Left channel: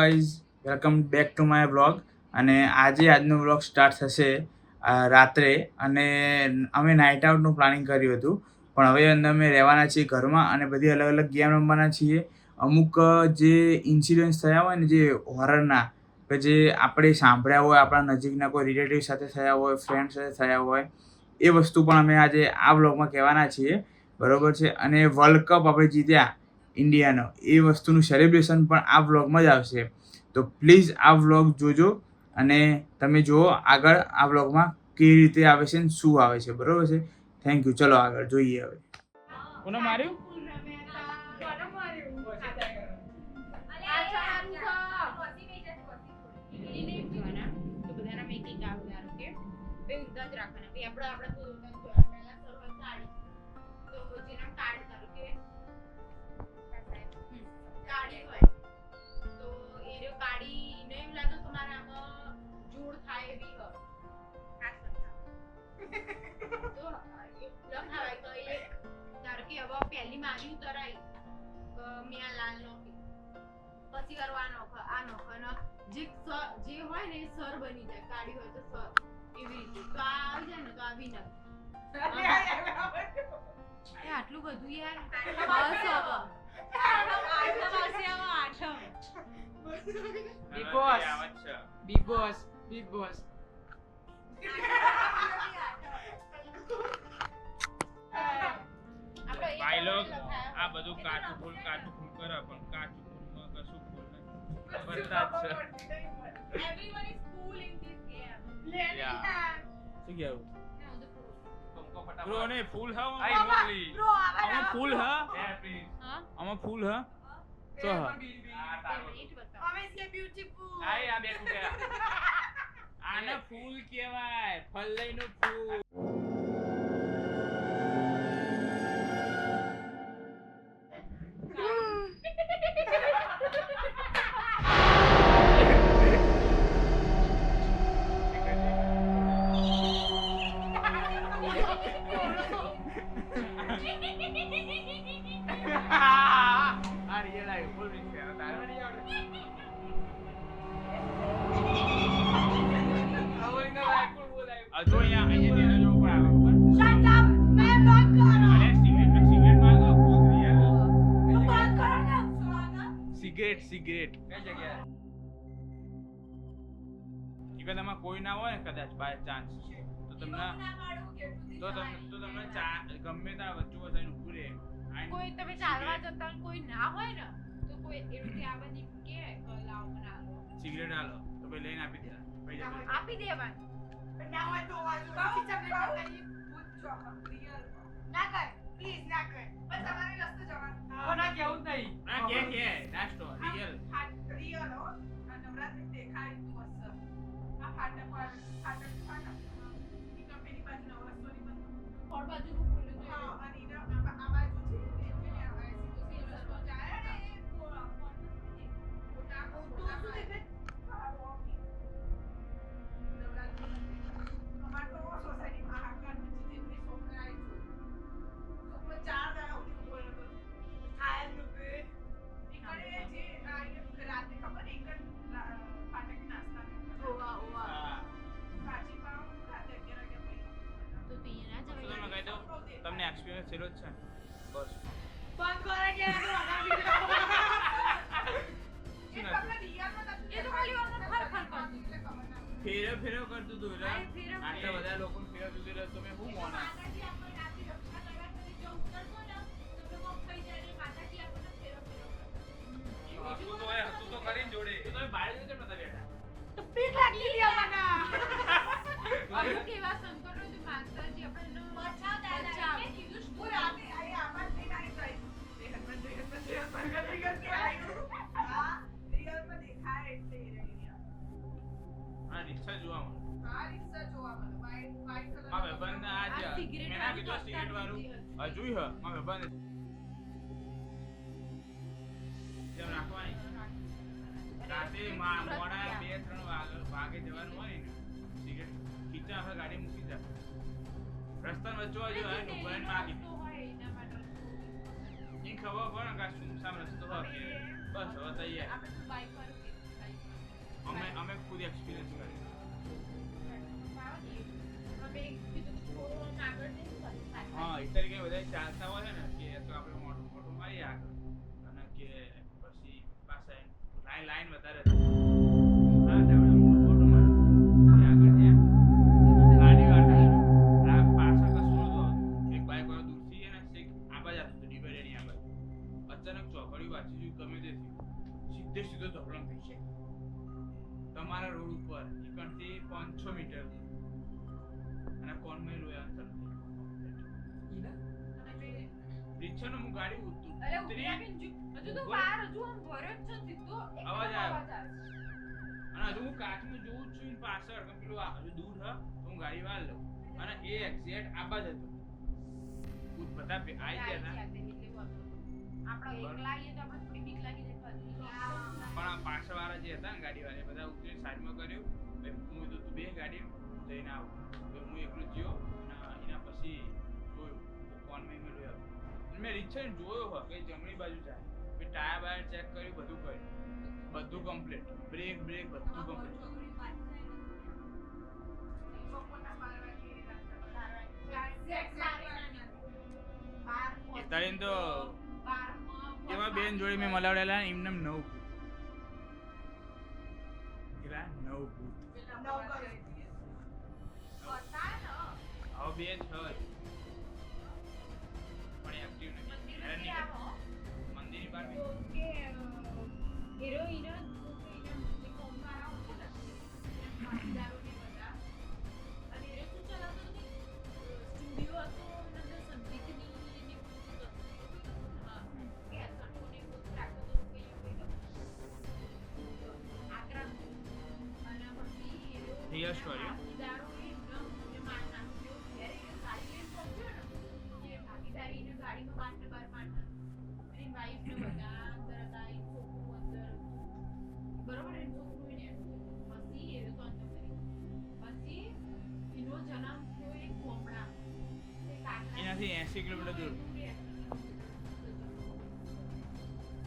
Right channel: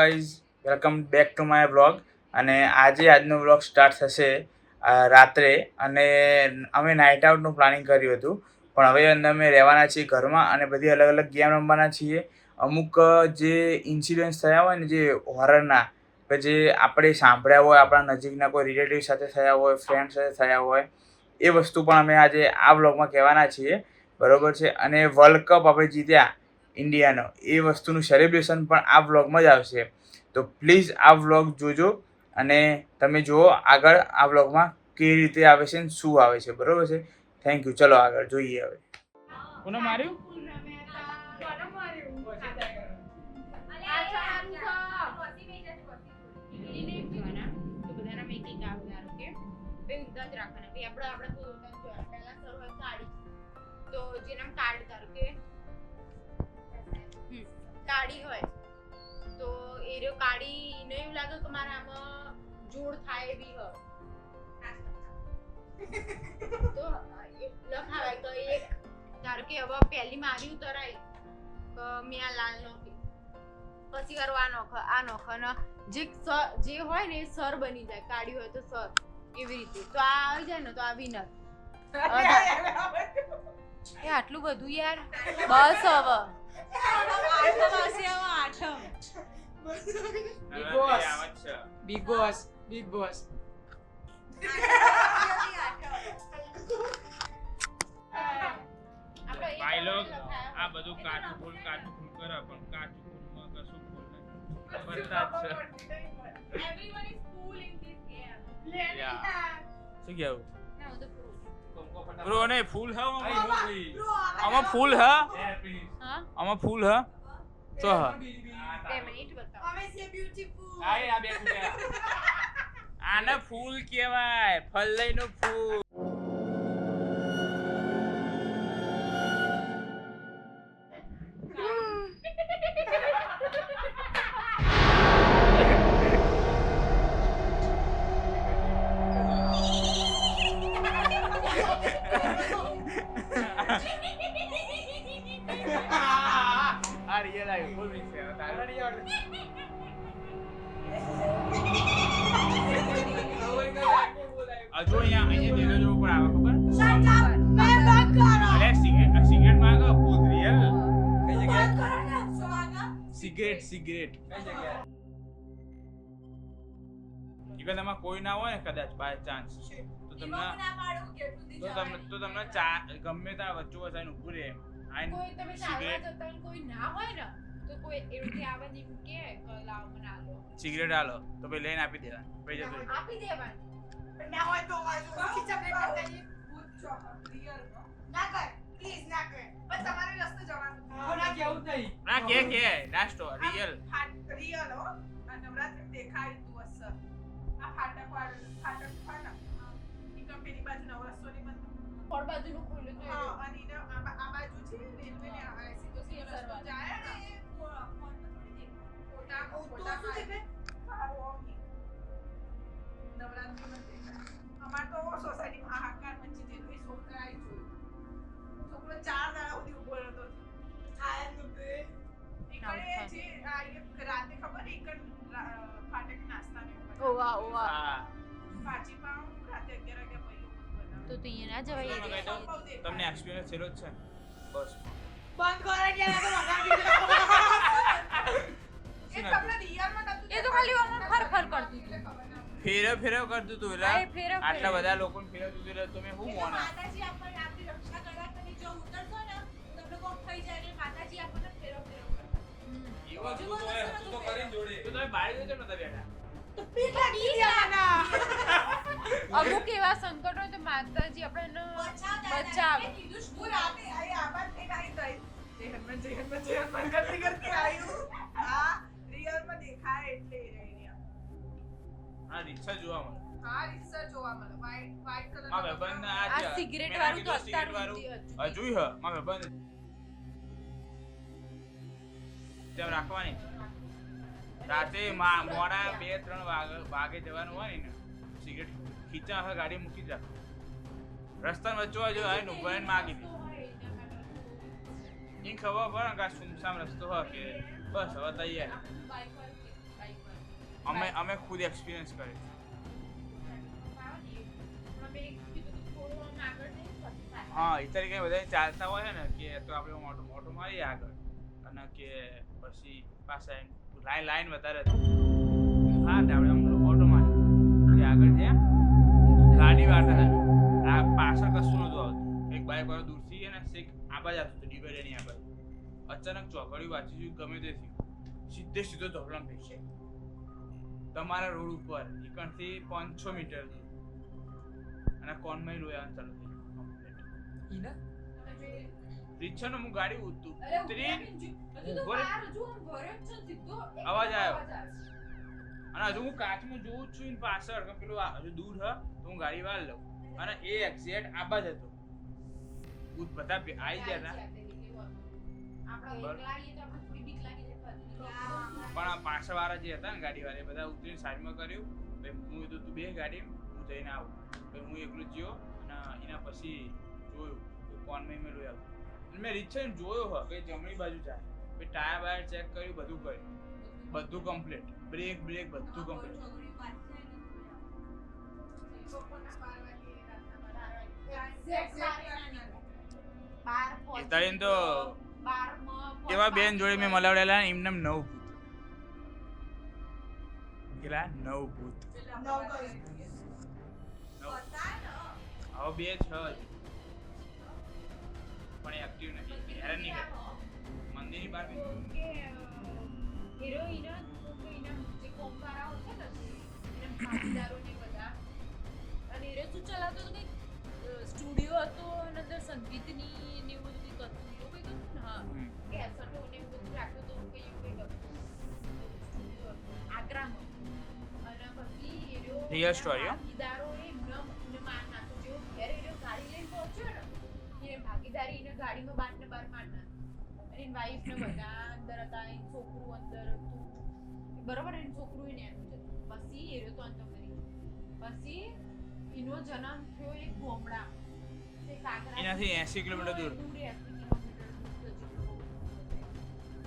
Guys, welcome back to my blog. અને આજનો blog start થશે રાત્રે. અને અમે નાઇટ આઉટનું પ્લાનિંગ કર્યું હતું, પણ હવે અમે રહેવાના છીએ ઘરમાં અને બધી અલગ અલગ ગેમ રમવાના છીએ. અમુક જે ઇન્સિડન્ટ્સ થયા હોય ને, જે હોરરના, કે જે આપણે સાંભળ્યા હોય, આપણા નજીકના કોઈ રિલેટિવ સાથે થયા હોય, ફ્રેન્ડ સાથે થયા હોય, એ વસ્તુ પણ અમે આજે આ બ્લોગમાં કહેવાના છીએ. બરાબર છે. અને વર્લ્ડ કપ આપણે જીત્યા ઇન્ડિયાનો, એ વસ્તુનું સેલિબ્રેશન પણ આ વ્લોગમાં જ આવશે. તો પ્લીઝ આ વ્લોગ જોજો અને તમે જુઓ આગળ આ વ્લોગમાં કેવી રીતે આવે છે ને શું આવે છે. બરાબર છે. Thank you. ચલો આગળ જોઈએ. હવે કોને માર્યું? કાળી હોય તો એ રહ્યો કાળી ને એવું લાગે કે મારા આમાં જોડ થાય એવી હોય તો લખાવાય તો એક ધારો કે હવે પહેલી મારી ઉતરાય કે મેં આ લાલ નોખી, પછી કરવા આ નોખ અને જે હોય ને એ સર બની જાય. કાળી હોય તો સર, એવી રીતે. તો આ આવી જાય ને તો આ વિનર. એ આટલું બધું યાર, બસ હવે Big Boss. ભાઈ લોગ આ બધું કાચું ફૂલ કરે, પણ કાચું ફૂલમાં કશું ફૂલ નથી. બધા જ છે. Everyone is cool in this game. શું કેવું? ના ઉધર પૂરો. બ્રો ને ફૂલ હા આમાં ફૂલ હા આમાં ફૂલ હા તો હા 2 મિનિટ બતાવો. અમે સે બ્યુટીફુલ. આ બે કુટ્યા આને ફૂલ કહેવાય, ફલ્લઈનું ફૂલ. આ રિયલ આવી ફૂલ મિક્સ છે તારે નહીં આવડે. હજુ અહીંયા તેનો જો ઉપર આવે ખબર? શટ અપ મે બંધ કરો. અરે સિગરેટ માંગો ફૂલ રિયલ. બંધ કરો ને સોવાના. સિગરેટ કઈ જગ્યાએ? એમાં કોઈ ના હોય ને કદાચ બાય ચાન્સ તો તમને ગમે ત્યાં વચ્ચે વસાઈને ઊભું રહે. કોઈ તમે ચાલવા જતા કોઈ ના હોય ને તો કોઈ એવી આવે ને કે લાવ મને આલો સિગરેટ આલો તો ભાઈ લઈને આપી દેવા. પછી જતો આપી દેવાનું. પણ ના હોય તો વાજો ખીચા પ્લેટ કરતા પૂછો રિયલ ના કર પ્લીઝ ના કર. બસ તમારે રસ્તો જવાનું. કોના કેવું નહીં. ના કે નાસ્તો રિયલ હો આ નવરાત્રી દેખાય તું અસર આ ફાટક ઈ કંપની બાજુ નવરસોની બંધ ફોર બાજુનું ખોલ્યું તો હા અને ઈના આ બાજુ છે રેલવે ને આ સીધો સીધો રસ્તો જાય ને ફોટા શું છે નવરાત્રી અમાર તો સોસાયટીમાં હાહાકાર મચી જેટલી છોકરા આવી જોઈ છોકરો 4 દાડા સુધી ઉભો રહ્યો આય નુબે ઈકડે જે આ રાતે ખબર ઈકડ ફાટક નાસ્તા ને ઓવા કાચી પાવ રાતે 11 વાગ્યા પછી તો અહીંયા ના જવાય. તમને એક્સપિરિયન્સ થયેલો જ છે ને? બસ બંધ કરે કે આ તો વગાડી એ તમને રિયલમાં નતું. એ તો ખાલી ફર કરતું ફેરવ કરતું તું એટલે આટલા બધા લોકોને ફેરવતું તું એટલે તમે શું મોના? માતાજી આપણને આપણી રક્ષા કરવા કરી જો ઉતરતો ને તમને કોક થઈ જાય ને માતાજી આપણને ફેરવ કરે. એવો તું તો કરીને જોડે તો તમે બહાર જજો નતા બેઠા તો પીઠ લાગી ગયા મને. અમુક એવા સંકટ હોય તો માતાજી આપણને બચાવે. હું રાતે આઈ આબાદ થઈને આવી ગઈ. જય હનુમાન કરતી આવ્યું. હા રિયલમાં દેખાય એટલે એ રહી. આ રિક્ષા જોવા મળે. હા રિક્ષા જોવા મળે. વાઈટ કલર માં ભાઈબંધ આ સિગરેટ વાળું જોઈ હ માં ભાઈબંધ તેમ રાખવાની. રાતે મોડા 2-3 વાગે જવાનું હોય ને સિગરેટ ખીચા હવે ગાડી મૂકી જા રસ્તામાં વચ્ચે જો આય નુભાઈને માગી દે. ઈ ખબર પડે કે સુમસામ રસ્તો હોય કે બસ હવે તૈયાર. ખુદ એક્સપિરિયન્સ કરે છે. હા એ તરીકે બધા ચાલતા હોય છે ને કે તો આપણે ઓટો મારીએ આગળ અને કે પછી પાછા લાઈન વધારે હતી હા આપણે ઓટો મારી આગળ જ્યાં ગાડી વાળતા હતા આ પાછળ કશું નતું આવતું એક બાઈક વાળો દૂરથી એને શેક આબાજ આવતું હતું ડિવાઈડરની આબાજ અચાનક ચોકડી વાંચી ગયું ગમે તે થયું સીધો ધોકડમ થઈ છે તમારા રોડ ઉપર એકણથી 500 મીટર અને કોનમાં લોયા ચાલુ થઈ ઈના રીક્ષાનો હું ગાડી ઉતરી અવાજ આવ્યો. અને હજુ હું કાચમાં જોઉં જ છું એની પાછળ કે પેલું હજુ દૂર હ તો હું ગાડી વાળ લઉં અને એ એક્ઝેક્ટ આબાજ હતો બધા આવી ગયા હતા પણ પાછળ વાળા જે હતા ને ગાડી વાળા એ બધા ઉતરીને સાઈડમાં કર્યું હું તો તું બે ગાડી હું જઈને આવું હું એકલું જ્યો અને એના પછી જોયું કોનમાં મેં લોયા મેં રીક્ષાને જોયો હ કે જમણી બાજુ જાય પછી ટાયર બાયર ચેક કર્યું બધું કમ્પ્લીટ બ્રેક બધું કમ્પ્લીટ એ તારીને તો એવા બેન જોડે મેં મલાવડેલા એમને 9 ભૂત કેટલા 9 ભૂત હવે બે છ પણ એક્ટિવ નથી હેરાન નહીં કરતા મંદિરની બહાર સ્ટુડિયો હતો અને અંદર સંગીતની ને એવું બધું હતું એવું કંઈક હતું ને હા કેસેટો ને એવું બધું રાખતો હતો કંઈક આગ્રામાં અને પછી Real story, હો? ભાગીદારોએ એમને માર નાખ્યો જેવો ઘેર એનો ગાડી લઈને પહોંચ્યો ને એ ભાગીદારી એને ગાડીમાં બાર ને બાર માર નાખ્યો અને એની વાઈફ ને બધા અંદર હતા એનું છોકરું અંદર હતું બરોબર એનું છોકરું એને એમ છે પછી એ તો અંદર કરી પછી એનો જન્મ થયો એક ગોમડા એનાથી 80 કિલોમીટર દૂર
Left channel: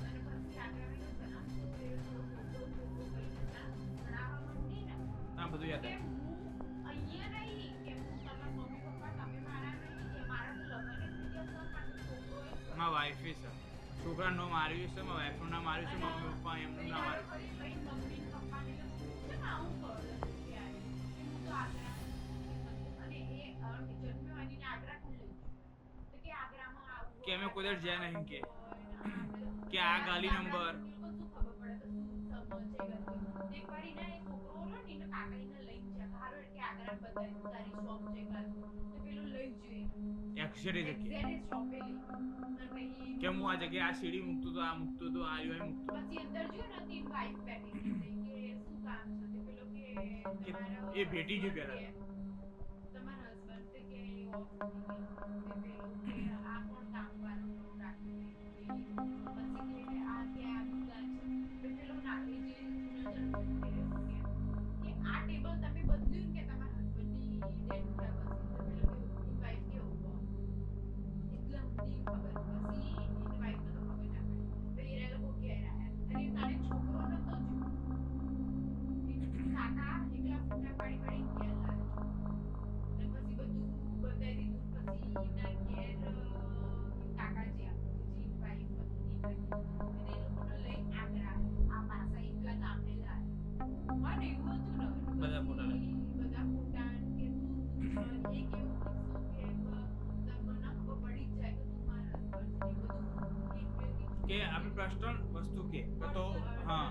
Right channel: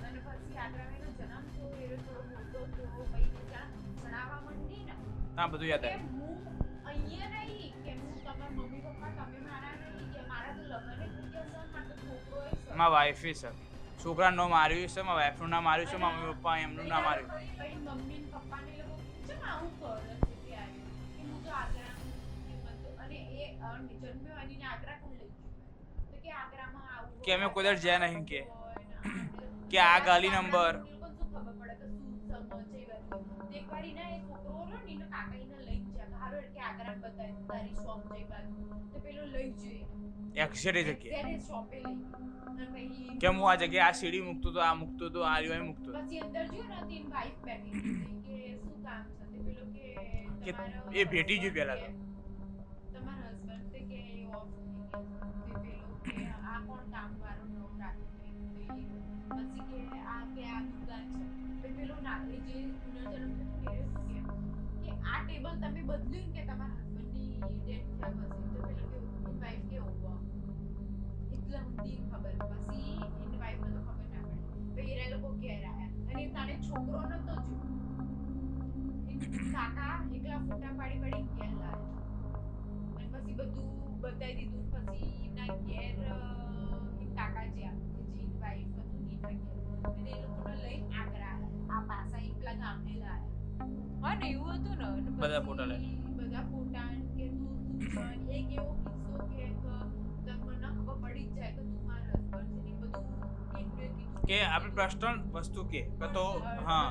અને પછી આગ્રાનો જન્મ થયો એ થોડો મોટો થયો પછી ભણાવવા માંડી ને ના બધું યાદ કે આવ્યું હું અહીંયા નહીં કે હું તમારા મમ્મી પપ્પા તમે મારા નહીં કે મારા તો લગ્ન થઈ ગયા છે મારા તો છોકરો છે મારા વાઈફ છે છોકરાનું નામ માર્યું છે મારા વાઈફનું નામ માર્યું છે મારા મમ્મી પપ્પા એમનું નામ માર્યું પછી મમ્મી ને પપ્પા ને લોકો છે ને આવું કરે છે ત્યારે કે હું તો આગ્રા અને એ જન્મ્યો અને એને આગ્રા કોણ લઈ ગયું તો કે આગ્રામાં આવું કે અમે કોઈ દર જ્યાં નહીં કે આ ગાલી નંબર શું ખબર પડે કે શું સમજ છે ગલી એક વાર એને એ છોકરો રહ્યો ને એને કાકા એને લઈ ગયા હારો કે આગ્રા બતાવી તારી શોપ છે બાજુ તો પેલો લઈ જઈએ એક્ઝેક્ટ જગ્યાએ એક્ઝેક્ટ શોપે લઈ અને પછી કે હું આ જગ્યાએ આ સીડી મૂકતો તો આ મૂકતો તો આ રહ્યો મૂકતો પછી અંદર જો ને તેની વાઈફ બેઠી હતી કે શું કામ છે તે પેલો કે તમારો એ ભેટી ગયું પહેલા તો. તમારા હસબન્ડ તે કે એ ઓફ થઈ ગયા તે પેલો કે આ કોણ કામ વાળો નવ રાખી દઈ પછી કે આ દુકાન છે તે પેલો ના એ જે પુનર્જન્મ કે આ ટેબલ તમે બદલ્યું કે તમારા હસબન્ડની ડેથ થયા પછી તો પેલો કે એની વાઈફ કે હોવા એટલે ઊંધી ખબર પછી એની વાઈફને તો ખબર ના પડી પછી એના લોકો ઘેર આવ્યા અને તારે છોકરો નતો જો કાકા એકલા ફોટા પાડી ઘેર લાવ્યા અને પછી બધું બતાવી દીધું પછી એમના ઘેર એમ કાકા જ્યાં જેની વાઈફ હતું અને એ લોકોને લઈ આગ્રા આ પાસા એકલા ગામને લાયા હા ને એવું હતું ને બધા ફોટા લઈ બધા ફોટા કે તું એક એવો કિસ્સો કે તમને ખબર પડી જ જાય કે તું મારા હસબન્ડ છે ને બધું કે આપણી પર્સનલ વસ્તુ કે તો હા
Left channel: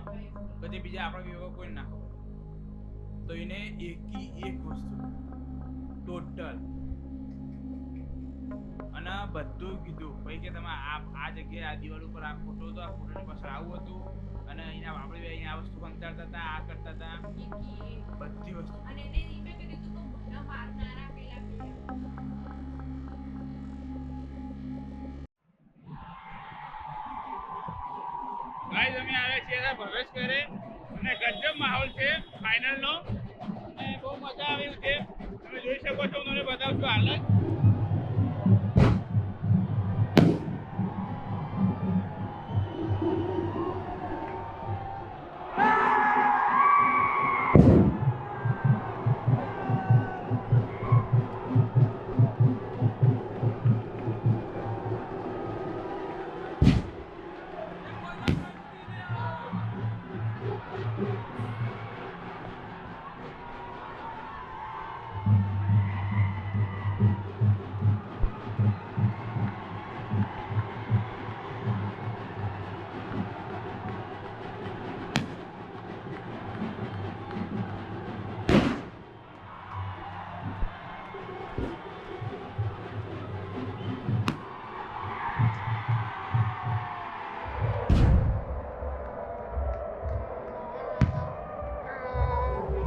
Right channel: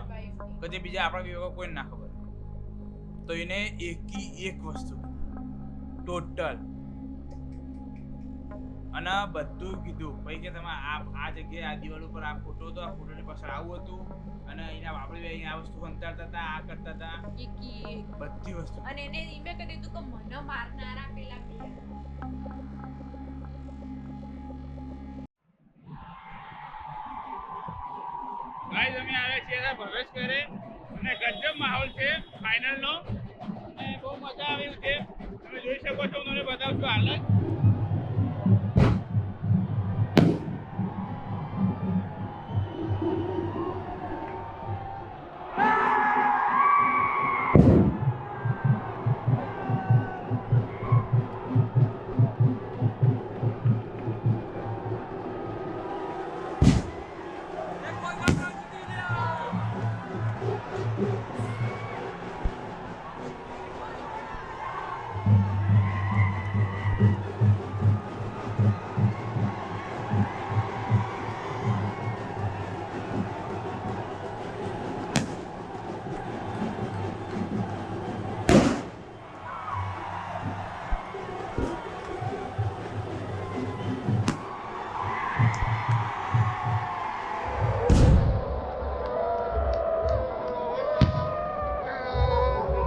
કે જે બીજા આપણા વિભાગ કોઈને ના ખબર તો એને એક વસ્તુ ટોટલ અને બધું કીધું પછી કે તમે આ જગ્યાએ આ દિવાલ ઉપર આ ફોટો હતો આ ફોટોની પાછળ આવું હતું અને એના આપણે અહીંયા આ વસ્તુ સંતાડતા હતા આ કરતા હતા બધી વસ્તુ અને એને ઈમે કરી દીધું કે મને મારનારા પેલા બે ગાઈસ અમે આવ્યા છીએ પ્રવેશ કરે અને ગજબ માહોલ છે ફાઇનલનો અને બહુ મજા આવી છે તમે જોઈ શકો છો હું તમને બતાવું છું હાલત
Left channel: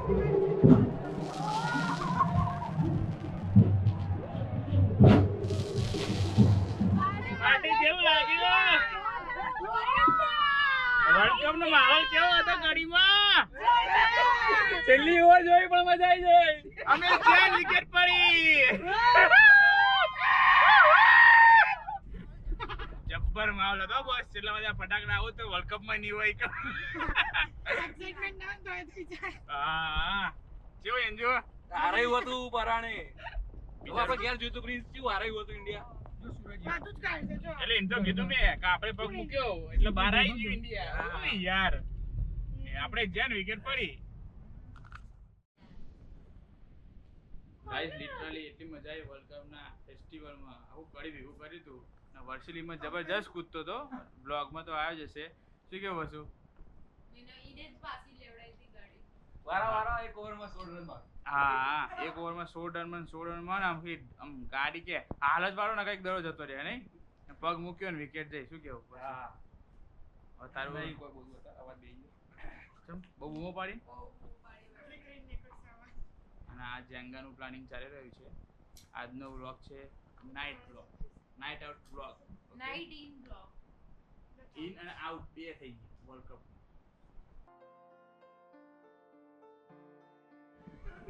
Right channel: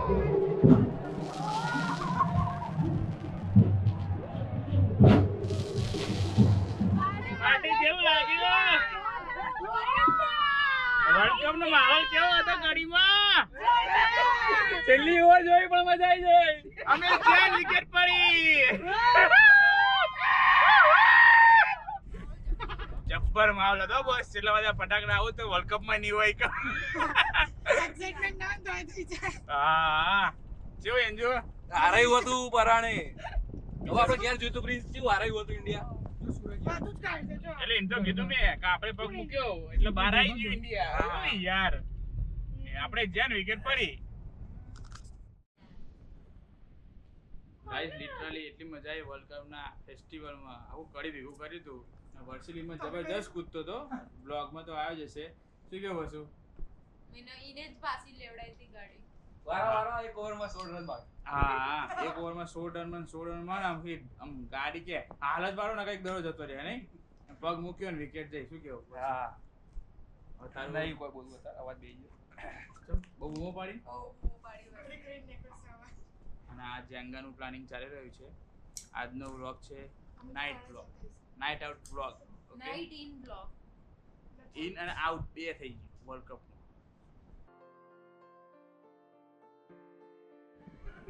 પાર્ટી કેવું લાગ્યું? વર્લ્ડ કપ નો માહોલ કેવો હતો ગાડીમાં? છેલ્લી ઓવર જોઈ પણ મજા આવી જાય. અમે 4 વિકેટ પડી. જબ્બર માહોલ હતો બસ. એટલા બધા ફટાકડા આવું તો વર્લ્ડ કપ માં નહીં હોય કે. એક્સાઇટમેન્ટ ના તો થઈ જાય. હા કેવું એન્જો? હારાયું હતું પરાણે. હવે આપણે ઘેર જોઈતું પ્રિન્સ કેવું હારાયું હતું ઇન્ડિયા. બધું જ કાઢી દેજો. એટલે એમ તો કીધું મેં કે આપણે પગ મૂક્યો એટલે બહાર આવી ગયું ઇન્ડિયા. ઓય યાર આપણે જ્યાં વિકેટ પડી. ગાઈસ લિટરલી એટલી મજા આવી વર્લ્ડ કપ ના ફેસ્ટિવલમાં. આવું કડી ભેગું કર્યું હતું ને વર્સિલીમાં જબરજસ્ત કૂદતો હતો. બ્લોગમાં તો આવ્યો જ હશે. શું કેવું વસુ? ઈને જ પાછી લેવડાઈ હતી ગાડી. વારા એક ઓવરમાં 16 રન બાકી. હા એક ઓવરમાં 16 રનમાં આમ ગાડી કે હાલ જ વાળો ને કઈક દડો જતો રહે નહીં. પગ મૂક્યો ને વિકેટ જાય. શું કેવું? હા હવે તારું નહીં કોઈ બોલવું હતા અવાજ બેહી ગયો. ચમ બહુ બૂમો પાડી. ક્રિકેટ ને કરશે હવે. અને આ જેંગાનું પ્લાનિંગ ચાલી રહ્યું છે. આજનો વ્લોગ છે night vlog, night out vlog. Night in block. In અને આઉટ બે થઈ ગયું વર્લ્ડ કપ નું.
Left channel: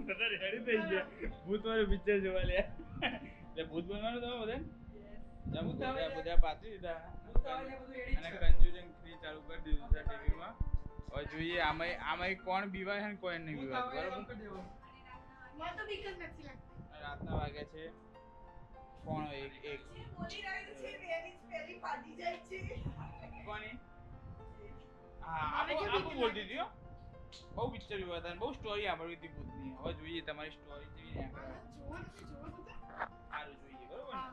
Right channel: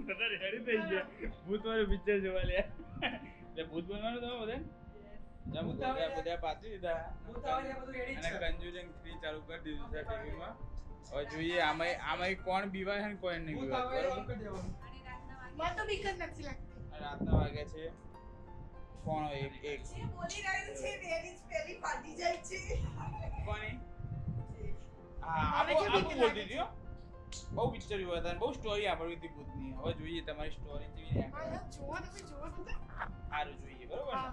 બધા રેડી થઈ ગયા ભૂત વાળું પિક્ચર જોવા લે. એટલે ભૂત બનવાનું તમે બધા જમ બધા પાછી દીધા અને કન્જ્યુરિંગ 3 ચાલુ કરી દીધું છે ટીવીમાં. હવે જોઈએ આમાં કોણ બીવાય છે ને કોઈ નહીં બીવાય. બરોબર મને તો બીક જ નથી લાગતી. રાતના વાગ્યા છે કોણ એક જે બોલી રહ્યું છે વેરી પેલી ફાટી જાય છે. કોની? હા આપો બોલતી હતી હો. બહુ પિક્ચર જોયા હતા બહુ સ્ટોરી સાંભળવી હતી ભૂતની. હવે જોઈએ તમારી સ્ટોરી કેવી જોવો તમે જોવો તો સારું જોઈએ બરોબર ને?